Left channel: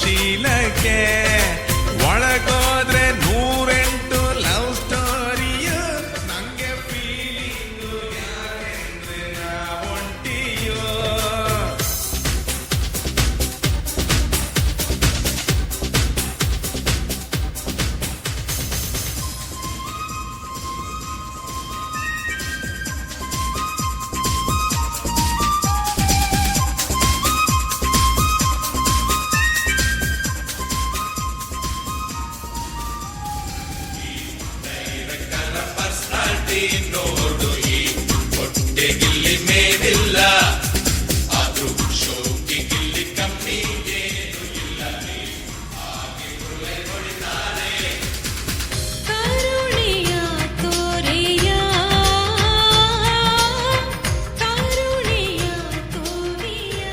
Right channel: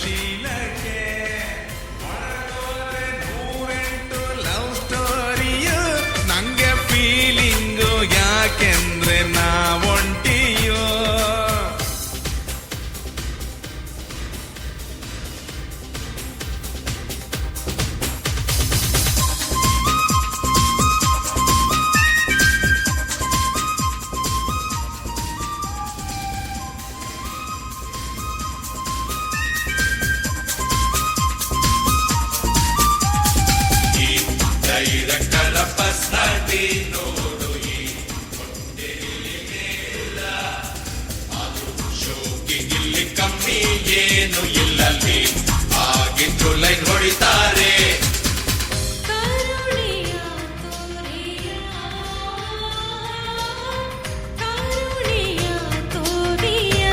ಶೀಲಕ್ಕೆ ಒಳಗೋದ್ರೆ 108 love ಸ್ಟೋರಿಯು ನಂಗೆ feeling ಯಾಕೆಂದ್ರೆ ನಾವೊಂಟಿಯೋ ನೋಡು ಈ ಹೊಟ್ಟೆಗಿಲ್ಲಿ ಮೇಲಿಲ್ಲ ಆದ್ರೂ ಶೋಕಿಗಿಲ್ಲಿ ಕಮ್ಮಿ ಏನು ಇಲ್ಲಲ್ಲಿ ಆಗಿದ್ದು ಲೈನ್ ಹೊಡಿತಾರೆ ಕರುಣೆಯ ತೋರೆಯ ಕರುಣೆಯ ತೋರೆಯ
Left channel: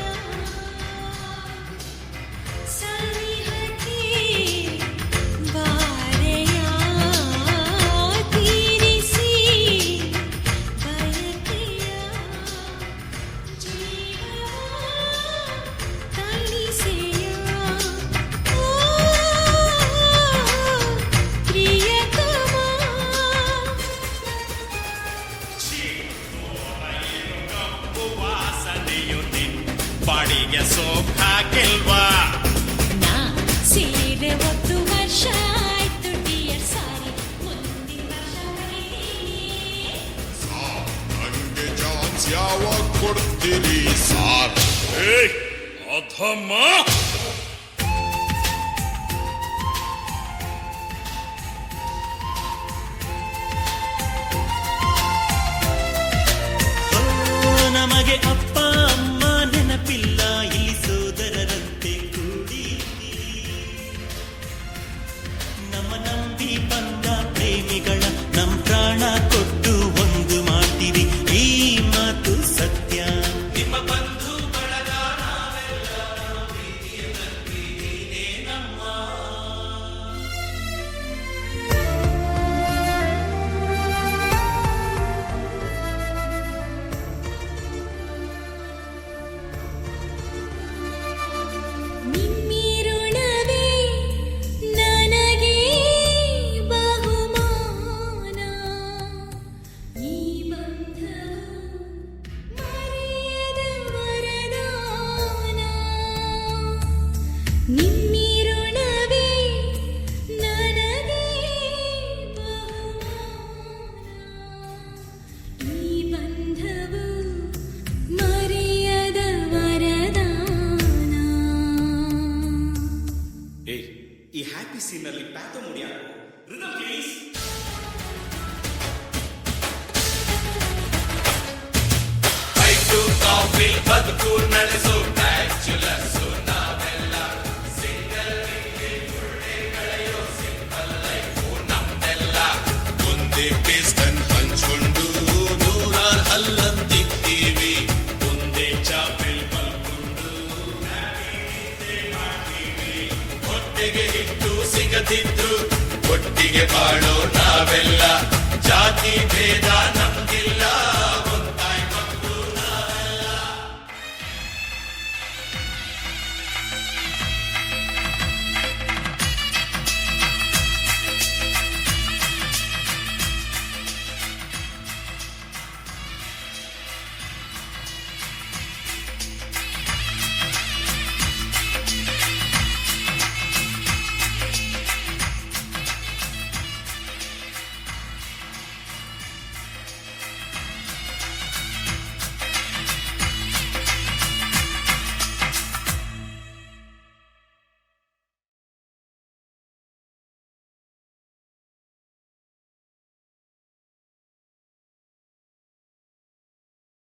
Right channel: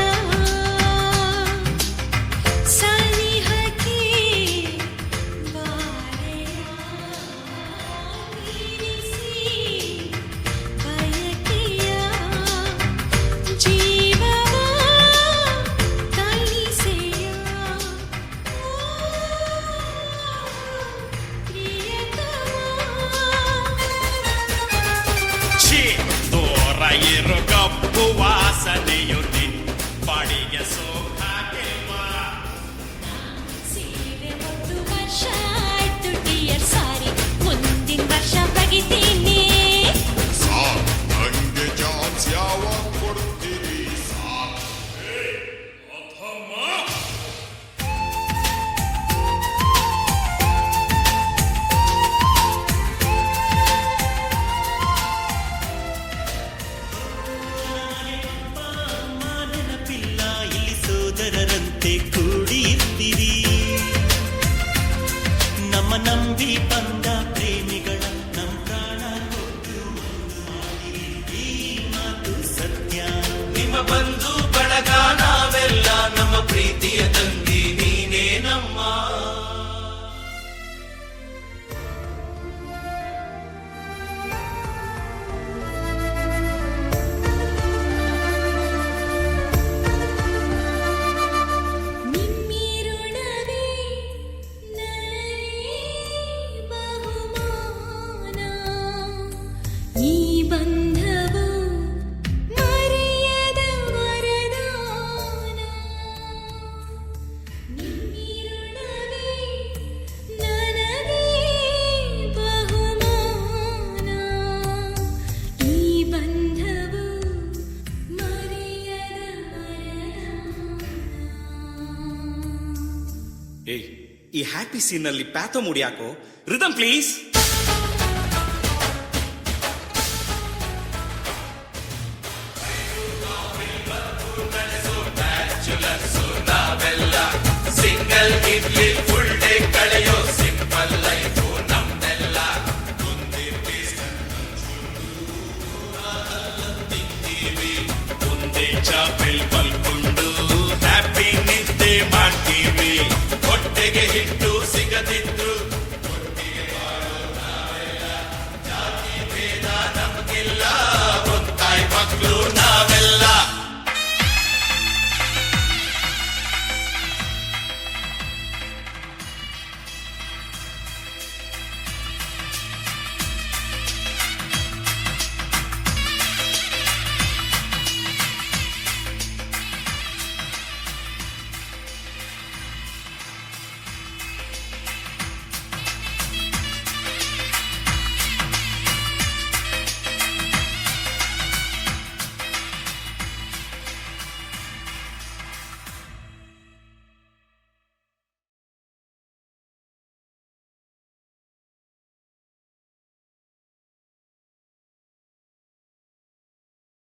ಸನಿಹಕ್ಕೆ ಬಾರೆಯ ತೀರಿಸಿ ಬಯಕೆಯ ಜೀವವ ತಣಿಸೆಯ ಪ್ರಿಯತಮ ಛೀ ದೂರ ಇರೋ ಕಪ್ಪು ವಾಸನೆಯು ನಿನ್ ಬಾಡಿಗೆ ಸೋಕಾಗಿಲ್ವಾ ನಾ ಸೀರೆ 1 ವರ್ಷ ಆಯ್ತು ಡಿಯರ್ ಸಾರಿ ಮುಂದಿನ ವರ್ಷ ಬಗಿತೀನಿ ಸಾರ್ ನಂಗೆ ಚಾನ್ಸ್ ಯಾವಾಗ ಕೊಡ್ತೀರಿ ಸಾರ್ ಅಧಮ್ಮ ನಮಗೆ ಅಪ್ಪ ಅಮ್ಮ ನೆನಪಿಲ್ಲ ಇಲ್ಲಿ ಸೋದರರಂತೆ ಕೂಡಿರ್ತೀವಿ ನಮ್ಮ ನಂಬಿ ಬಂದ ಪ್ರೇಮಿಗಳ ನಮ್ ಪ್ರಾಣ ಕೊಟ್ಟು ಒಂದು ಮಾಡ್ತೀವಿ ಈ ಮಾತು ಸತ್ಯ ನಿಮ್ಮ ಬಂಧು ಬಳಗ ನಾವೆಲ್ಲ ನಮ್ಮ ಪ್ರೀತಿಯ ತಂದಿ ನೀನೇ ನಮ್ಮ ನಿಮ್ಮಿರುಳವೇ ನನಗೆ ಬಹುಮಾನ ಈ ಬಂಧವು ಮರೆಯದ ವರದಾನ ನಿಮ್ಮಿರುಳವೇ ನನಗೆ ಬಹುಮಾನ ಈ ಬಂಧವು ಮರೆಯದ ವರದಾನ ಏಯ್ ಈ ಹ್ಯಾಪಿ ಸೀನ್ ಅಲ್ಲಿ ಪ್ಯಾಥೋ ಮುಡಿಯಾಕೋ ರಿದಮ್ ಪ್ಲೀಸ್ ಐಟು ಕಾಫಿ ಬದುಕು ನಡೆಸೋ ಬ್ಯಾಚುಲರ್ಸ್ ನಾವೆಲ್ಲ ಸಿಂಗಲ್ ಇರ್ಲಿ ಫುಲ್ ಡೇ ಕಳೆಯೋ ಸಿಂಪಲ್ ಲೈಫು ನಮ್ದೆಲ್ಲ ಒಂದೇ ಪೇಸ್ಟನ್ ಹಂಚ್ಕೊಂಡು ನೂರಾರು ಹಲ್ಲಂತಿದ್ದೀವಿ ಒಂದೇ ಚಾಪೆಲ್ ಮಲ್ಕೊಂಡು ಹ್ಯಾಪಿ ನಿದ್ದೆ ಮಾಡ್ತೀವಿ ಹೊಟ್ಟೆಗೆ ಹಿಟ್ಟು ಸಿಗದಿದ್ರು ಒಟ್ಟಿಗೆ ಬಾಳೋ